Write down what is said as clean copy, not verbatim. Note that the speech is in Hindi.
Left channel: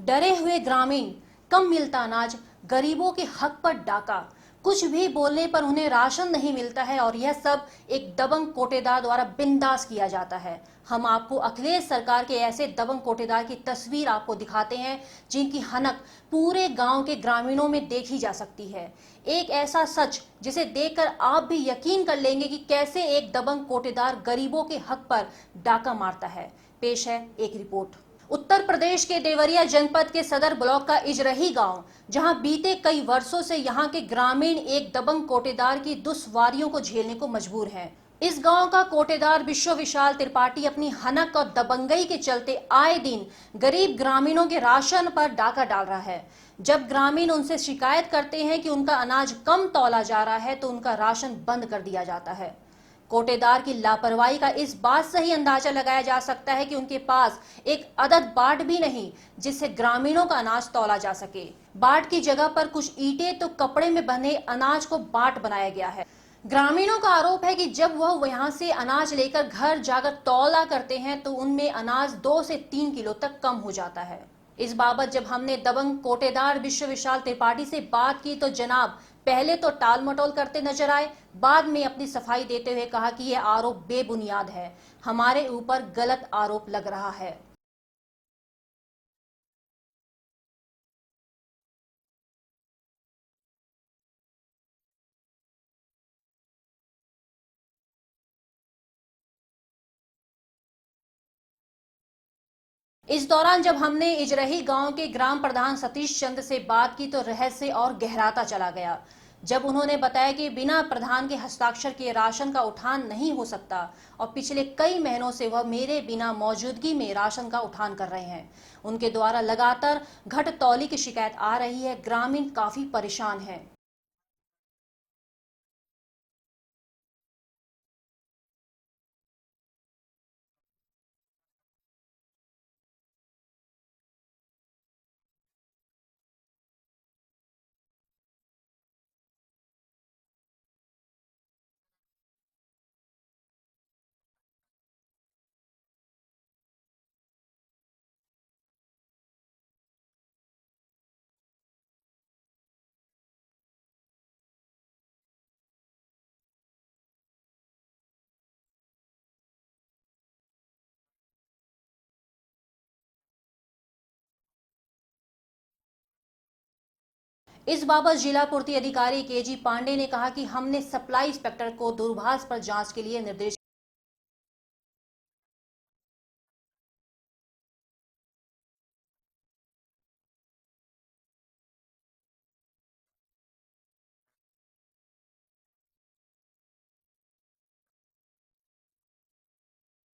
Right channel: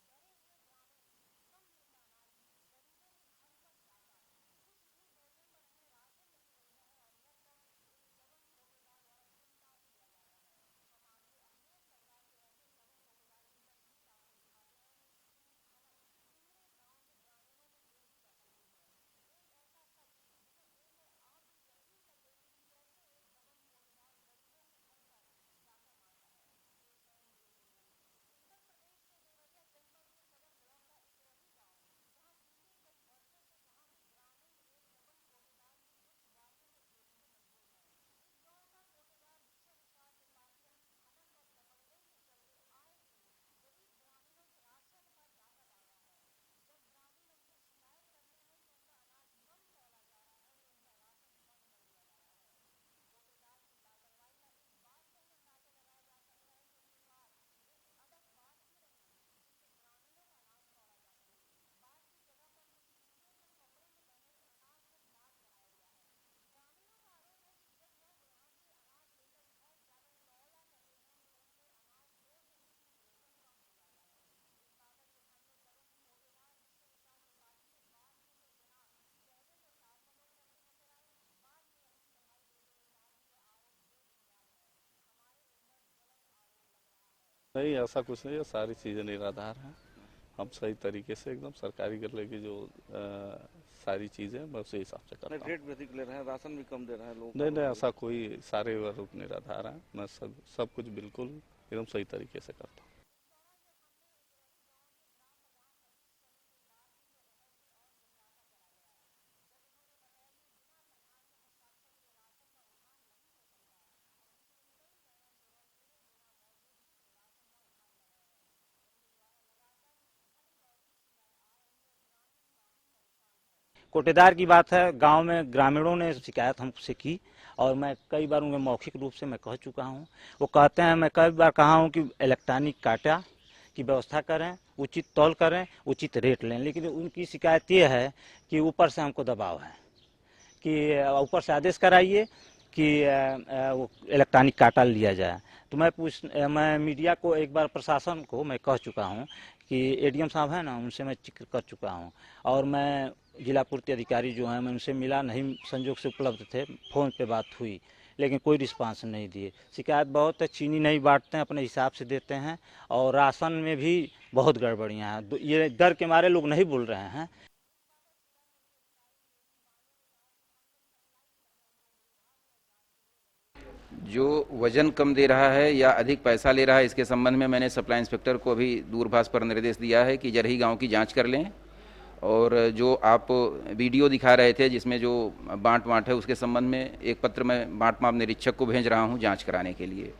डरे हुए ग्रामीण, कम मिलता अनाज, गरीबों के हक पर डाका, कुछ भी बोलने पर उन्हें राशन नहीं मिलता है और यह सब एक दबंग कोटेदार द्वारा बिंदास किया जाता है। हम आपको अखिलेश सरकार के ऐसे दबंग कोटेदार की तस्वीर आपको दिखाते हैं जिनकी हनक पूरे गांव के ग्रामीणों में देखी जा सकती है। एक ऐसा सच जिसे देखकर आप भी यकीन कर लेंगे कि कैसे एक दबंग कोटेदार गरीबों के हक पर डाका मारता है। पेश है एक रिपोर्ट। उत्तर प्रदेश के देवरिया जनपद के सदर ब्लॉक का इजरही गांव, जहां बीते कई वर्षों से यहां के ग्रामीण एक दबंग कोटेदार की दुश्वारियों को झेलने को मजबूर हैं। इस गांव का कोटेदार विश्व विशाल त्रिपाठी अपनी हनक और दबंगई के चलते आए दिन गरीब ग्रामीणों के राशन पर डाका डाल रहा है। जब ग्रामीण उनसे शिकायत करते हैं कि उनका अनाज कम तौला जा रहा है तो उनका राशन बंद कर दिया जाता है। कोटेदार की लापरवाही का इस बात से ही अंदाजा लगाया जा सकता है कि उनके पास एक अदद बाट भी नहीं जिससे ग्रामीणों का अनाज तौला जा सके। बाट की जगह पर कुछ ईंटें तो कपड़े में बंधे अनाज को बाट बनाया गया है। ग्रामीणों का आरोप है कि जब वह वहां से अनाज लेकर घर जाकर तौला करते हैं तो उनमें अनाज 2 से 3 किलो तक कम हो जाता है। इस बाबत जब हमने दबंग कोटेदार विश्व विशाल त्रिपाठी से बात की तो जनाब पहले तो टाल मटोल करते नजर आए, बाद में अपनी सफाई देते हुए कहा कि यह आरोप बेबुनियाद है, हमारे ऊपर गलत आरोप लग रहा है। नहीं, ऐसा कुछ नहीं है, सारी चीजें निराधार हैं। हम सही तरीके से एकदम सरकारी गले की जो सारी चीजें मैं उसी हिसाब से करता हूँ। रेट भी अधिक ले रहे हैं, राशन भी कम दे रहे हैं लोग। नहीं, ऐसा कोई सारे आरोप निराधार हैं। मैं सब कुछ बिल्कुल एकदम सही तरीके से करता हूँ। इस दौरान जब हमने इजरही गांव के ग्राम प्रधान सतीश चंद से बात की तो रहस्य और गहराता चला गया जब उन्होंने बताया कि बिना प्रधान के हस्ताक्षर के राशन का उठान नहीं हो सकता और पिछले कई महीनों से वह मेरे बिना मौजूदगी में राशन का उठान कर रहे हैं। उनके द्वारा लगातार घटतौली की शिकायत आ रही है, ग्रामीण काफी परेशान हैं। कोटेदार की बात है, गांव में ग्रामीणों ने शिकायत हमसे की और मैं कई बार उन्हें मौखिक रूप से मैं कह चुका हूं। वो कहते हैं, मैं कई बार कहा हूं कि इलेक्ट्रॉनिक काटा की व्यवस्था करें, उचित तौल करें, उचित रेट लें, लेकिन उनकी शिकायत ये है कि ऊपर से हमको दबाव है कि ऊपर से आदेश कराइए कि वो इलेक्ट्रॉनिक काटा लिया जाए। तो मैं मीडिया को एक बार प्रशासन को मैं कह चुका हूं कि एडीएम साहब है ना, उनसे मैं जिक्र कर चुका हूं और मैं जिला पूर्ति अधिकारी जो हैं मैं उनसे मिला, नहीं संजोग से उपलब्ध थे, फ़ोन पे बात हुई लेकिन कोई रिस्पांस नहीं दिए। शिकायत बहुत है, चीनी नहीं बांटते हैं, अपने हिसाब से देते हैं और राशन में भी बहुत गड़बड़ियाँ हैं। ये डर के मारे लोग नहीं बोल रहे हैं। इस बाबत जिला पूर्ति अधिकारी केजी पांडे ने कहा कि हमने सप्लाई इंस्पेक्टर को दूरभाष पर जांच के लिए निर्देश। जो वजन कम दे रहा है या अधिक पैसा ले रहा है, इसके संबंध में मैंने सप्लाई इंस्पेक्टर को भी दूरभाष पर निर्देश दिया है कि जरही गांव की जांच कर लें और जो आप वीडियो दिखा रहे थे जिसमें जो बांट है उसके संबंध में एक पत्र मैं बांट माप निरीक्षक को भेज रहा हूं जांच कराने के लिए।